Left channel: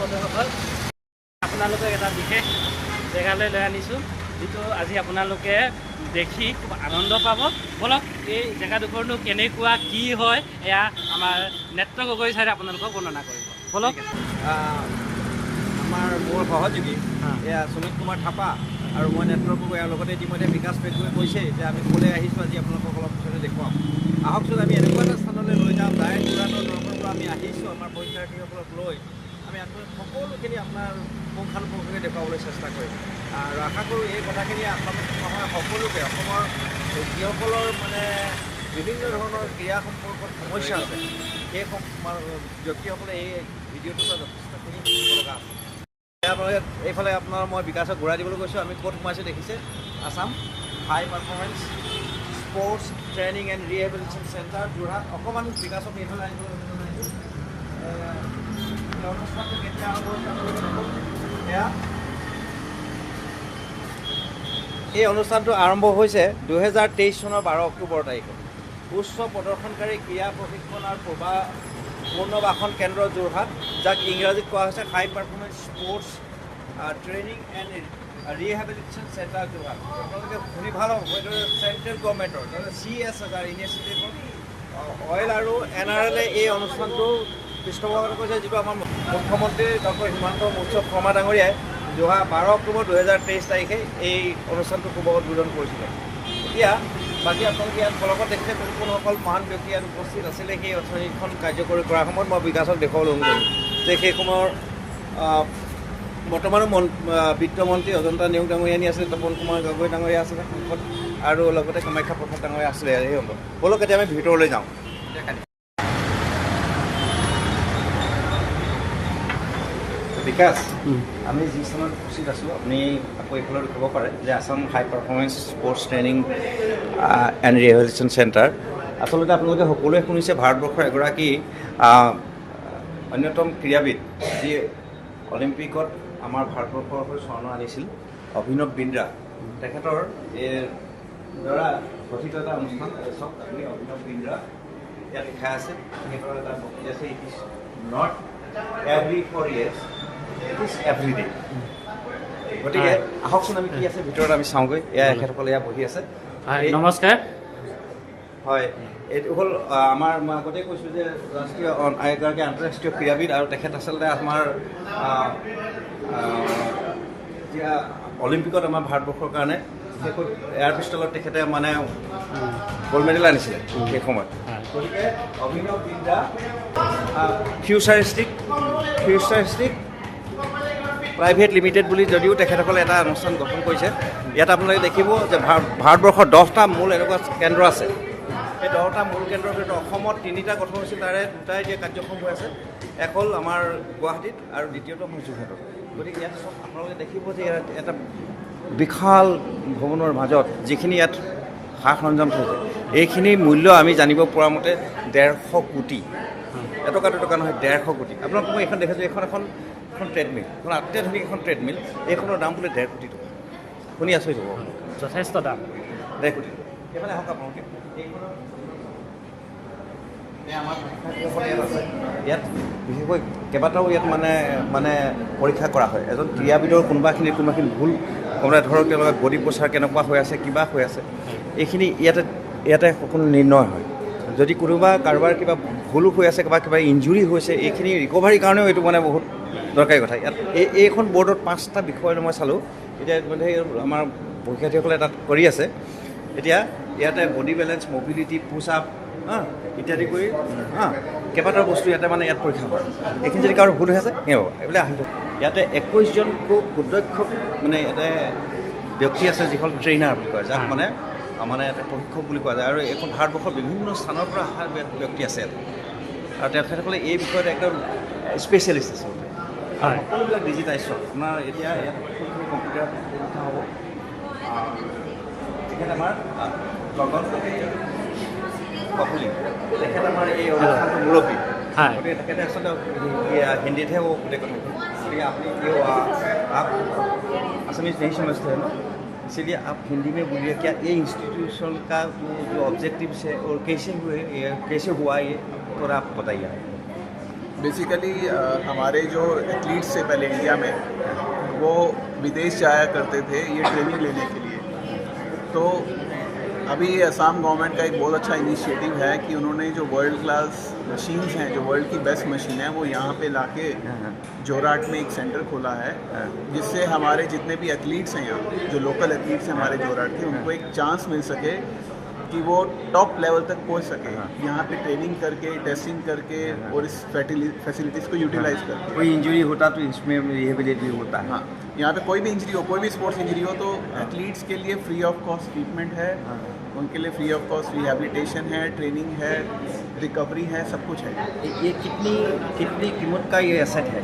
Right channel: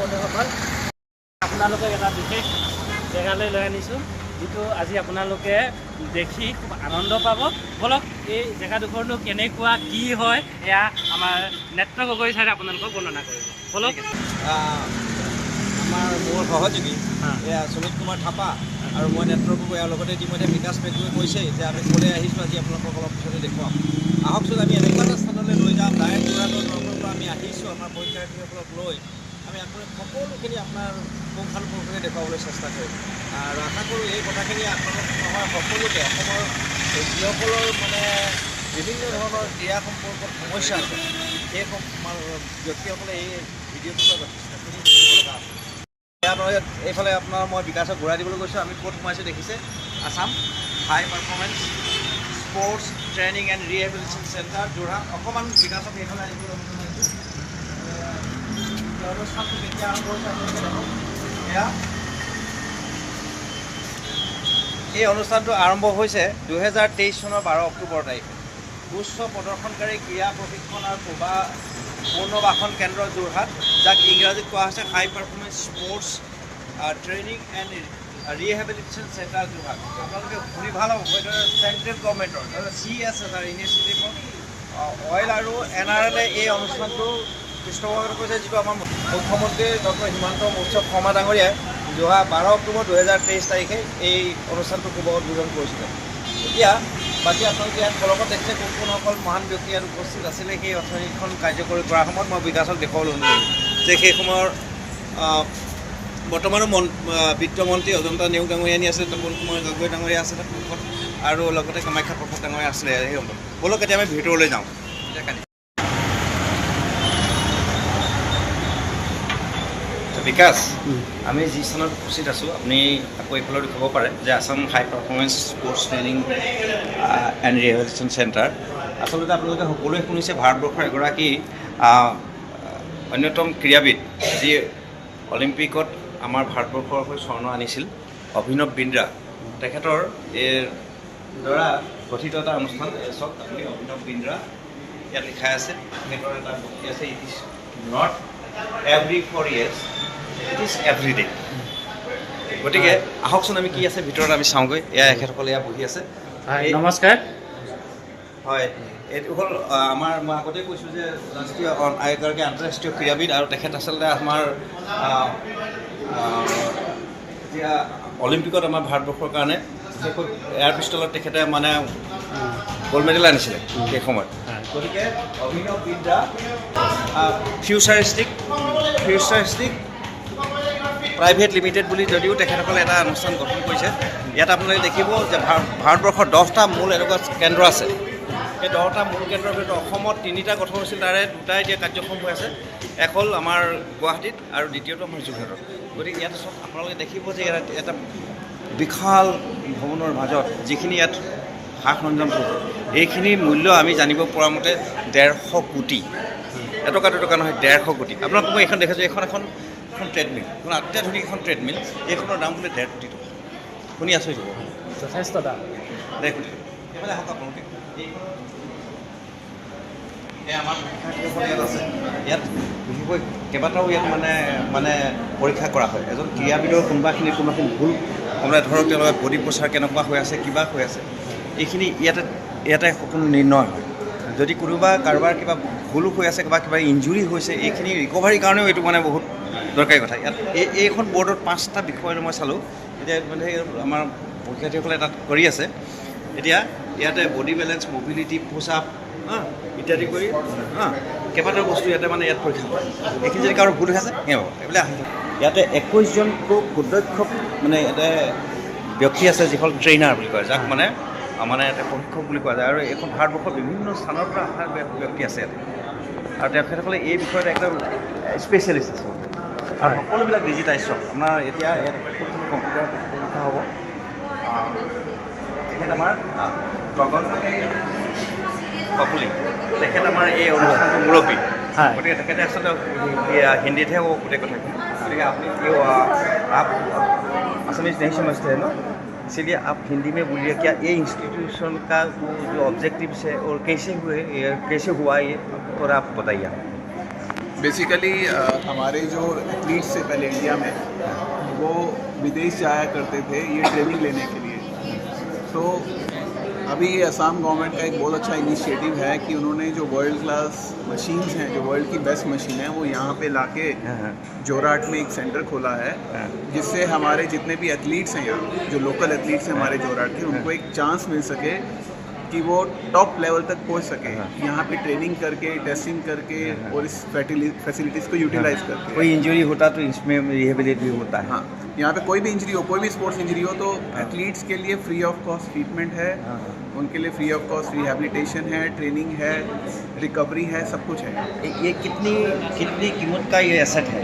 বন্ধুসকল, আপোনালোকক এটা বিশেষ জেগালৈ লৈ আনিছোঁ, যিটো আজি আপোনালোকে দেখি খুব আনন্দ পাব। বলক এই জেগাডোখৰনো কেনেকুৱা কি হয় এয়া আমাৰ নেত্ৰ গগৈ ছাৰে আপোনালোকক বৰ্ণনা কৰিব। বলক। মোৰ সহযোগী এয়া সুমিত কুমাৰ থাপা আৰু মই নেত্ৰ গগৈ, আৰু লগতে ইতিমধ্যে বিকাশ পেগুৱে কৈছে যে আমি ক'লৈ আহিছোঁ আজি আপোনালোকক অলপ পিছতে দেখুৱাম। আহকচোন আমি এনেকুৱা এটা স্থানলৈ লৈ যাম, ডাইৰেক্ট যোৰহাটৰ দৰবাৰৰ পৰা আমি আহিছোঁ আমাৰ পৰীক্ষাৰ্থীসকলক লৈ। আমি সকলোখিনি আপোনাৰ পুংখানুপুংখকৈ দেখুৱাবলৈ চেষ্টা কৰিম আৰু আশা কৰোঁ এই কথাখিনি আপোনালোক নহয় সকলোকে অসমৰ যিসকলৰ মানে বিভিন্ন ধৰণৰ ক্ৰীড়া সম্পৰ্কত সমস্যা আছে সেই ব্যক্তিসকলে এই ভিডিঅ'টোৰ পৰা যথেষ্টখিনি শিকিব লগা আছে। আপোনালোকে এইফালে আপোনাৰ মই বিকাশক ঘূৰাই দিবলৈ গৈছোঁ। আমি ক'ত সোমাইছোঁ দেখিছে, Assam high performance sports training and rehabilitation centre Jorhat. অকণমান বিকাশক এইফালে আহিবলৈ অনুষ্ঠানটো কেতিয়া আৰম্ভ হৈছে আপোনালোকে দেখক। এই অনুষ্ঠানটো আৰম্ভ হৈছে 2023 চনৰ 12 অক্টোবৰ তাৰিখে। উচ্চ প্ৰদৰ্শনকাৰী ক্ৰীড়া প্ৰশিক্ষণ আৰু পুনৰ্বাসন কেন্দ্ৰ যোৰহাট, যাক ইংৰাজীত কোৱা হৈছে high performance sports training and rehabilitation centre Jorhat. আপোনালোকে শুনি ভাল হ'ব, এইটো চেণ্ট্ৰেল গভৰ্ণমেণ্টৰ CSR ইনিচিয়েটিভৰ অইল আৰু NRL এই অনুষ্ঠানটো পৃষ্ঠপোষকতা কৰিছে, যিটো আমাৰ মুখ্যমন্ত্ৰী ডক্টৰ হিমন্ত বিশ্ব শৰ্মা ডাঙৰীয়াই 12 অক্টোবৰ 2023 তাৰিখে এই অনুষ্ঠানটো শুভ উদ্বোধন কৰিছিলে। এতিয়া বাকী আপোনালোকে ইয়াত ফলকত দেখিছে কোন কোনসকল মহান ব্যক্তি ইয়াত উপস্থিত আছিলে। সেই অথনিখন কাৰ্যকৰী কৰাৰ সময়ত মই বিকাশক দেখুৱাবলৈ অনুৰোধ যে সেই সময়ৰ বৰ্তমানো বিত্তমন্ত্ৰী অজন্তা নেওগ ডাঙৰীয়ানী আছিলে, তপন কুমাৰ গগৈ ডাঙৰীয়া আছিলে সন্মুখত, আৰু লগতে কামাখ্যা প্ৰসাদ ডাঙৰীয়া আছিলে সেই অন্তত। ব'লক এতিয়া আমি ভিতৰলৈ যাওঁ। বিকাশ, আমি যি স্থানত উপস্থিত আছোঁ আপুনি আকৌ এইফালে দেখুৱাব পাৰে যে Assam high performance sports training and rehabilitation centre. আচলতে আপোনালোকে সকলোৱে শুনিছে ভাৰতবৰ্ষৰ এগৰাকী অন্যতম ক্ৰীড়াবিদ, যি অলিম্পিকত আমাৰ ভাৰতবৰ্ষৰ হৈ স্বৰ্ণ আনিছিল, অভিনৱ বিন্দ্ৰা। তেখেতৰ এই দ্বাৰা গঠিত এটা অনুষ্ঠান চাওক আপুনি, অভিনৱ বিন্দ্ৰা ইয়াত লিখা আছে। তেখেতৰ এটা বক্তৃতা আছে, it is not every 4 years, it is every day. গতিকে আহকচোন আমি কি আছে ভিতৰত আমি চাওঁগৈ। এয়া এখেতসকলে ইয়াত বহি আছে। নমস্কাৰ। হয়, এইটো হ'ল আমাৰ, মই আগতে কৈছোঁ যে ৰাষ্ট্ৰীয় এগৰাকী আন্তঃৰাষ্ট্ৰীয় ক্ৰীড়াবিদ, আৰু তেখেত আচলতে আমাৰ এতিয়া অলিম্পিকত আমাৰ ভাৰতবৰ্ষৰ কাৰণে বিশেষকৈ এয়াৰ পিষ্টলত তেখেতে মানে গ'ল্ড মেডেল আনিছিলে সেই সময়ত। গতিকে অভিনৱ বিন্দ্ৰা ফিউচাৰিষ্টিক প্ৰাইভেট লিমিটেড বুলি যদিও তেখেতসকলে এটা অনুষ্ঠান গঠন কৰিছে। ইয়াত আপোনালোকে দেখিব যে ভাৰতবৰ্ষৰ 10টা মূল এনেকুৱা কেন্দ্ৰ আছে। সেই 10টা মূল কেন্দ্ৰৰ ভিতৰত অসমত 3টা গঠন হৈছিল, তাৰে 2টা এতিয়া কাৰ্যক্ষম হৈ আছে। এক হ'ল আমাৰ গুৱাহাটীত আৰু দ্বিতীয়টো আমাৰ যোৰহাটত। গতিকে ইয়াত চব আপোনালোকে দেখিব যে এটা বিশাল ভৱনৰ মাজত যিখিনি ইয়াত সা সৰঞ্জাম থাকে, এইখিনি মূল্য আমি জানিব পৰা মতে 150 কোটি। এটকা দুটকা নহয়, 150 কোটি। আপোনালোক মই এইখন দেখিছোঁ, এখন ট্ৰেডমিল, এখন অত্যাধুনিক এখন ট্ৰেডমিল, এইখনৰ দাম বোলে 1.5 কোটি টকা। শুনি আচৰিত হ'ব, যথেষ্ট দাম। 1.5 কোটি। সেইফালে আহক আপোনালোকে। আমাৰ আছে ইয়াত বিশেষকৈ কেইবাটাও ইয়াত মানে পৰীক্ষা কৰা হয়। এজন ক্ৰীড়াবিদৰ কোনোবাখিনি ভুল, কোনোবা ধৰক তেওঁলোকে বডি প'চাৰ কেনেকুৱা হৈ আছে, কিবা হৈ আছে, এইখিনি ইয়াতে সকলো নিৰ্ণয় হয়। যদি কাৰোবাৰ কিবা ভুলো হৈ আছে, কিবা ইঞ্জুৰি হৈছে, এইখিনি ৰিকভাৰীৰ কাৰণেও এইটো মানে বহুত দৰকাৰী কথা। ইয়াত এইখন বৰ্ডত 5টা বিষয় মই চালোঁ। এতিয়া আমাৰ পৰীক্ষাৰ্থীসকলে তাত কৰি আছে। এতিয়া ইয়াতে বডি বেলেঞ্চ, মবিলিটি, পুছ আপ ইত্যাদি কৰি কেইবাটাও বস্তু ইয়াতে মানে ইয়াত পৰীক্ষা কৰে। এইখিনি যদি কাৰো ভুল হৈ আছে এইবিলাক আহি যাব। ইয়াতে 21জন সুদক্ষ মানে ইয়াতে ব্যক্তি আছে, যিখন ট্ৰেইনাৰ বুলি কয়, যাক মানে এটা প্ৰশিক্ষক বুলি কোৱা যায়। আৰু এইখন ভাৰতবৰ্ষৰ বিভিন্ন স্থানৰ পৰা অহা ব্যক্তি আছে ইয়াত, আৰু তেখেতসকলে এই বিষয়ত একদম স্পেচিয়েলিষ্ট আচলতে। আৰু সকলোবিলাক ডিজিটাইজ আপোনাৰ এতিয়া কম্পিউটাৰ পৰীক্ষা হ'ব। তেখেত আমাৰ গগন কপুলি, তেখেত আমাৰ এই অনুষ্ঠানটোৰ মুৰব্বী। গতিকে তেখেতে আচলতে হিন্দীতহে হ'ব গোটেই কথাখিনি। গতিকে আপুনি आप असमीज नहीं समझते हैं ना, इसलिए आप हिंदी में बोलिए क्या ये इंस्टीट्यूशन का वो जो ऑब्जेक्टिव्स है और कैसे हुआ ये थोड़ा आप बताइए। बेसिकली हमारे जो एथलीट्स से पहले इंडिया में वो विदेश जाया करते थे ये ट्रेनिंग लेने के लिए। तो अभी ये असम गवर्नमेंट का एक बहुत अच्छा इनिशिएटिव है कि उन्होंने जो वर्ल्ड क्लास मशीन्स हैं, जो वर्ल्ड की बेस्ट मशीन है, वो यहाँ पे लाके जोरहाट में एक सेंटर खोला है, जिससे हमारे जितने भी एथलीट्स हैं यहाँ, जो लोकल एथलीट्स हैं हमारे जोरहाट के, उनको एक चांस मिल सके कि वो टॉप लेवल तक पहुंच सके, यहाँ पे ट्रेनिंग करके, टेस्टिंग करके और इस फैसिलिटीज़ को यूटिलाइज करके। कोई इंजरी होता तो इसमें रिहेबिलिटी होता है। हाँ, यहाँ पे कोई भी इंजरी हो, कोई भी स्पोर्ट्स इंजरी हो, तो एथलीट्स के लिए फ्री ऑफ कॉस्ट ट्रीटमेंट है, उनके लिए फ्री ऑफ कॉस्ट रिहेबिलिटेशन है, ट्रेनिंग है, रिकवरी है, सब कुछ है। ये कितनी कीमत का ये एसेट है?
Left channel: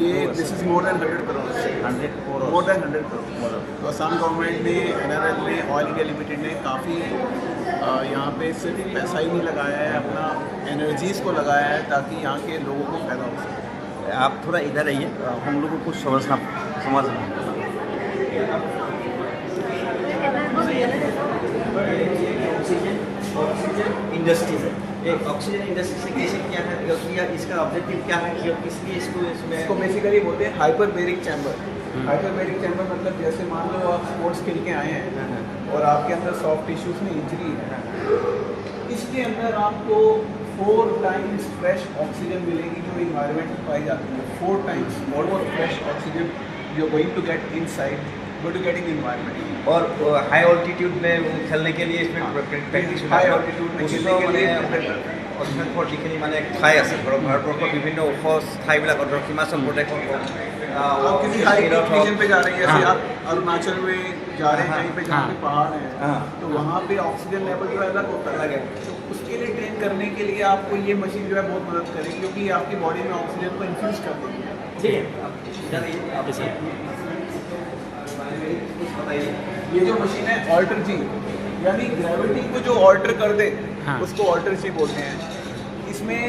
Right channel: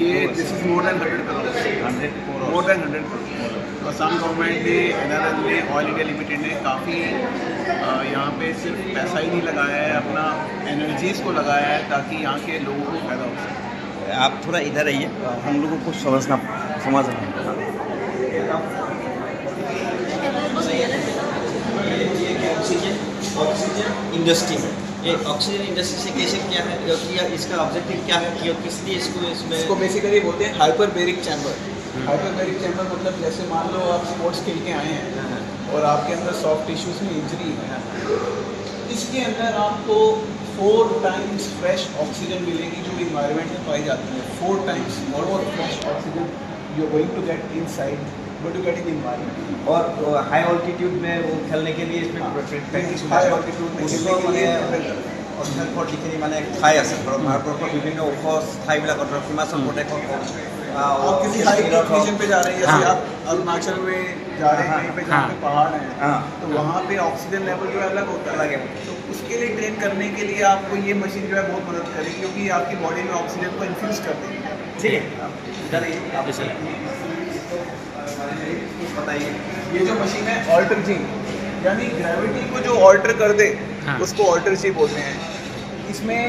ये this is more than 100 crore, 100 crore, more than 100 crore. तो असम गवर्नमेंट ने, NRL ने, ऑयल इंडिया लिमिटेड ने काफ़ी यहाँ पे सिर्फ पैसा ही नहीं लगाया है, अपना एनर्जीज़ को लगाया है ताकि यहाँ के लोगों को फ़ायदा हो सके। आप थोड़ा इधर आइए, हम लोगों को समझ ऑक्सीजन इंडस्ट्री है। ये ऑक्सीजन इंडस्ट्री से कैसे क्या है, या इसका ऑब्जेक्टिव क्या है कि किस लिए इसको बेसिकली बोलते हैं हाइपरबेरिक चैम्बर। हाइपरबेरिक चैम्बर मतलब जैसे मान लो आप स्पोर्ट्स खेल के आए हैं और आपके अंदर सॉफ्ट टिश्यूज़ में इंजरी है, इसके अंदर आपको 4 टाइम्स फ्रेश ऑक्सीजन मिलेगी जो इन्वायरमेंट में पाई जाती है। 4 टाइम्स और fresh oxygen you are going to get inside to getting environment. और हाई ऑल्टीट्यूड में खेलने के लिए इसमें प्रेक्टिस हाई ऑल्टीट्यूड में खेलने के लिए অঞ্চলবোৰ যিখিনি মানে ঠাই আছে, ধৰক ভাৰতবৰ্ষৰ বিভিন্ন ওখ ঠাইবিলাকত, ধৰক হিমাচল প্ৰদেশত হওক, आप किसी हाई रीजन पे जा रहे हैं, जैसे आप अरुणाचल में जा रहे हैं, कहीं पे जहाँ पे पहाड़ हैं, तो वहाँ पे ऑक्सीजन लेवल जो है अलग होता है। तो उसके लिए ट्रेन करने के लिए आपको ये मशीन जो है बहुत मदद करेगी, क्योंकि आपकी बॉडी में ऑक्सीजन को इन्फ्यूज कर देगी। ठीक है, ये जो मशीन है ऑल्टर जी, यानी ग्रेविटी को जो ऑल्टर कर दे, उसको ऑल्टर जी बोलते हैं। इसमें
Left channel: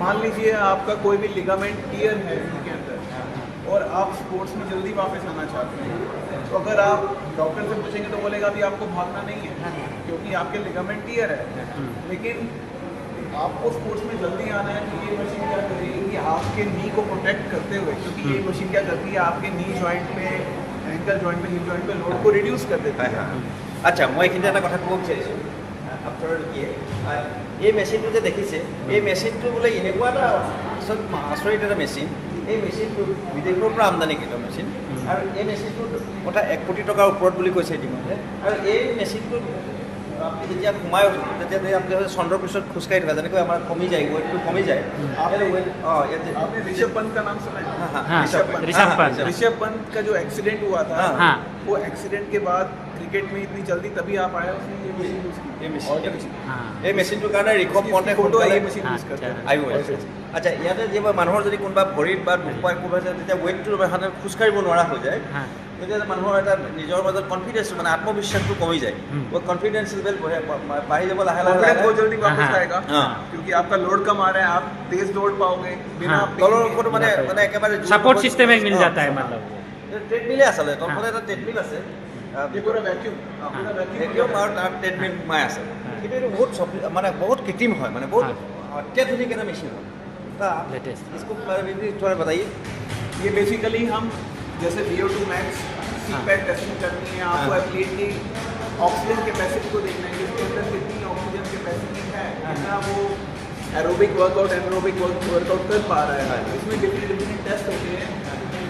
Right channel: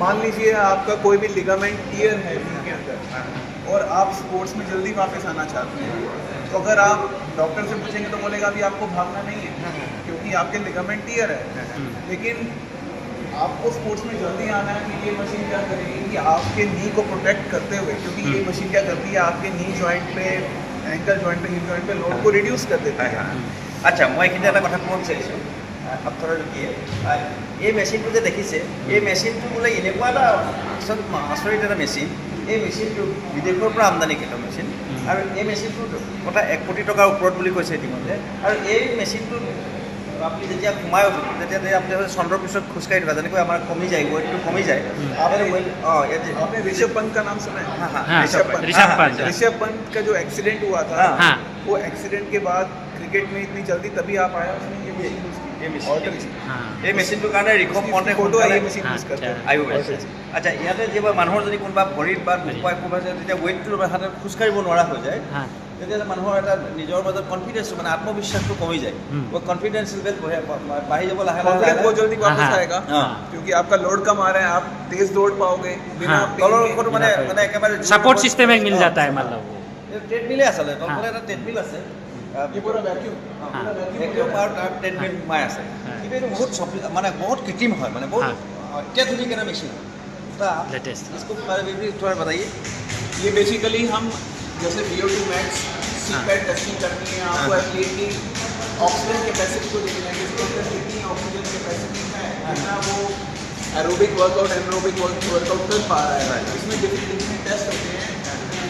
मान लीजिए आपका कोई भी लिगामेंट टियर है नी के अंदर और आप स्पोर्ट्स में जल्दी वापस आना चाहते हैं, तो अगर आप डॉक्टर से पूछेंगे तो बोलेगा अभी आपको भागना नहीं है क्योंकि आपके लिगामेंट टियर है। लेकिन आपको स्पोर्ट्स में जल्दी आना है, तो ये मशीन क्या करेगी कि आपके नी को प्रोटेक्ट करते हुए, क्योंकि ये मशीन क्या करती है आपके नी जॉइंट पे, एंकल जॉइंट पे, हिप जॉइंट पे लोड को रिड्यूस कर देती है। আচ্ছা, মই এইখিনি এটা কথা ক'ব বিচাৰিছোঁ আপোনাৰ এই মেচিনটো যে দেখিছে, এই মেচিনটো বোলে এনেকুৱা এটা আচৰিত এটা মেচিন। এই মেচিনটো বিদেশৰ পৰা আমদানিকৃত মেচিন, আৰু এই মেচিনটোৰ কথা 1 কোটি টকাৰ ওপৰত বুলি কৈছে ইতিমধ্যে। আৰু এই মেচিনটো আপুনি যেতিয়া সোমাই উঠিব, তেতিয়া আপুনি চন্দ্ৰৰ পিছত খোজকাঢ়ি দিবা, যেনেকৈ আমাৰ কমি যায়, ৱেইটটো কমি যায়। आपने ऋषभ पंत का नाम सुना है? हाँ, ऋषभ पंत का जो एक्सीडेंट हुआ था, वो एक्सीडेंट के बाद क्रिकेट में इतनी जल्दी तभी आ पाया उसने ये मशीन यूज़ की। এই মেচিনটোৰ কাৰণে ৰিখব পণ্টে फोटो है ये मशीन यूज़ करते हैं। আহিব। আচ্ছা, ইয়াতে যিবোৰ মানুহৰ যদি কোনোবা ভৰিত বা কোনোবা যেতিয়া ৱেইটটো হাতত খোজকাঢ়িব নোৱাৰা হৈ যায়, তেতিয়া মানুহৰ এটা নিজৰ মাজত কনফিডেন্সটো, মানে আত্মবিশ্বাসটো কমি যায়। वो कॉन्फिडेंस लेवल बढ़ी जब लाहे लाहे बहुत जल्दी वापस आएगा, क्योंकि आपका लोड कम आ रहा है, आप तेज दौड़ पाओगे। তলৰ মানে একেবাৰে সাপোৰ্ট সিস্টেম এক মিল जाता है, मतलब ট্ৰেডমিলে আছিলে, তলৰ এটা ট্ৰেডমিল আছে, ये पूरा वैक्यूम ভেকিউম আৰু তাৰ ট্ৰেডমিল সোমাই আছে। কিন্তু এইটো বহুত মানে বহুত কৃত্ৰিম হয়, মানে বহুত अत्याधुनिक है ना मेशीन लेटेस्ट। इसको थोड़ा बताइए। ये बेसिकली हम जैसे VO2 मैक्स सीपैट टेस्टिंग करनी है, आपको एथलीट की ऑक्सीजन कैपेसिटी को देखना है, जिसके अंदर कितनी ऑक्सीजन कैपेसिटी है, कितना वो एरोबिक वर्कआउट एनरोबिक वर्कआउट कर पा रहा है। इसमें डिफरेंट टेस्ट होते हैं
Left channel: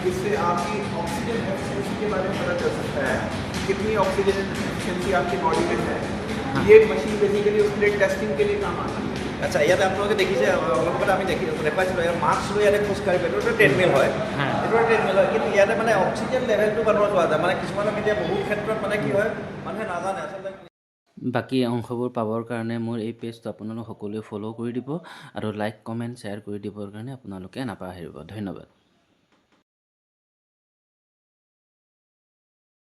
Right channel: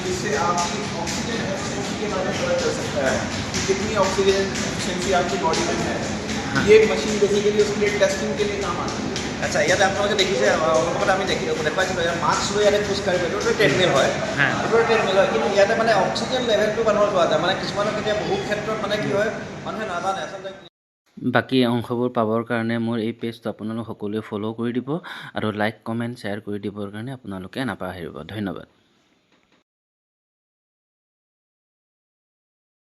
जिससे आपकी ऑक्सीजन एफिशिएंसी के बारे में पता चल सकता है कि कितनी ऑक्सीजन एफिशिएंसी आपकी बॉडी में है। ये मशीन बेसिकली उसके लिए टेस्टिंग के लिए काम आती है। আচ্ছা, ইয়াতে আপোনালোকে দেখিছে, অলপতে আমি দেখুৱাইছিলোঁ, মাস্ক লৈ ইয়াতে খোজকাঢ়িব, এইটো ট্ৰেডমিল হয়, এইটো ট্ৰেডমিল হয়, কিন্তু ইয়াতে মানে অক্সিজেন লেভেলটো মানুহৰ পোৱা যায়। মানে কিছুমানক এতিয়া বহু ক্ষেত্ৰত মানে কি হয়, মানুহে নাজানে আচলতে। বাকী অংশবোৰ পাবৰ কাৰণে মোৰ এই পেজটো আপোনালোক সকলোৱে ফ'ল' কৰি দিব আৰু লাইক কমেণ্ট শ্বেয়াৰ কৰি দিবৰ কাৰণে আপোনালোকে নাপাহৰিব। ধন্যবাদ।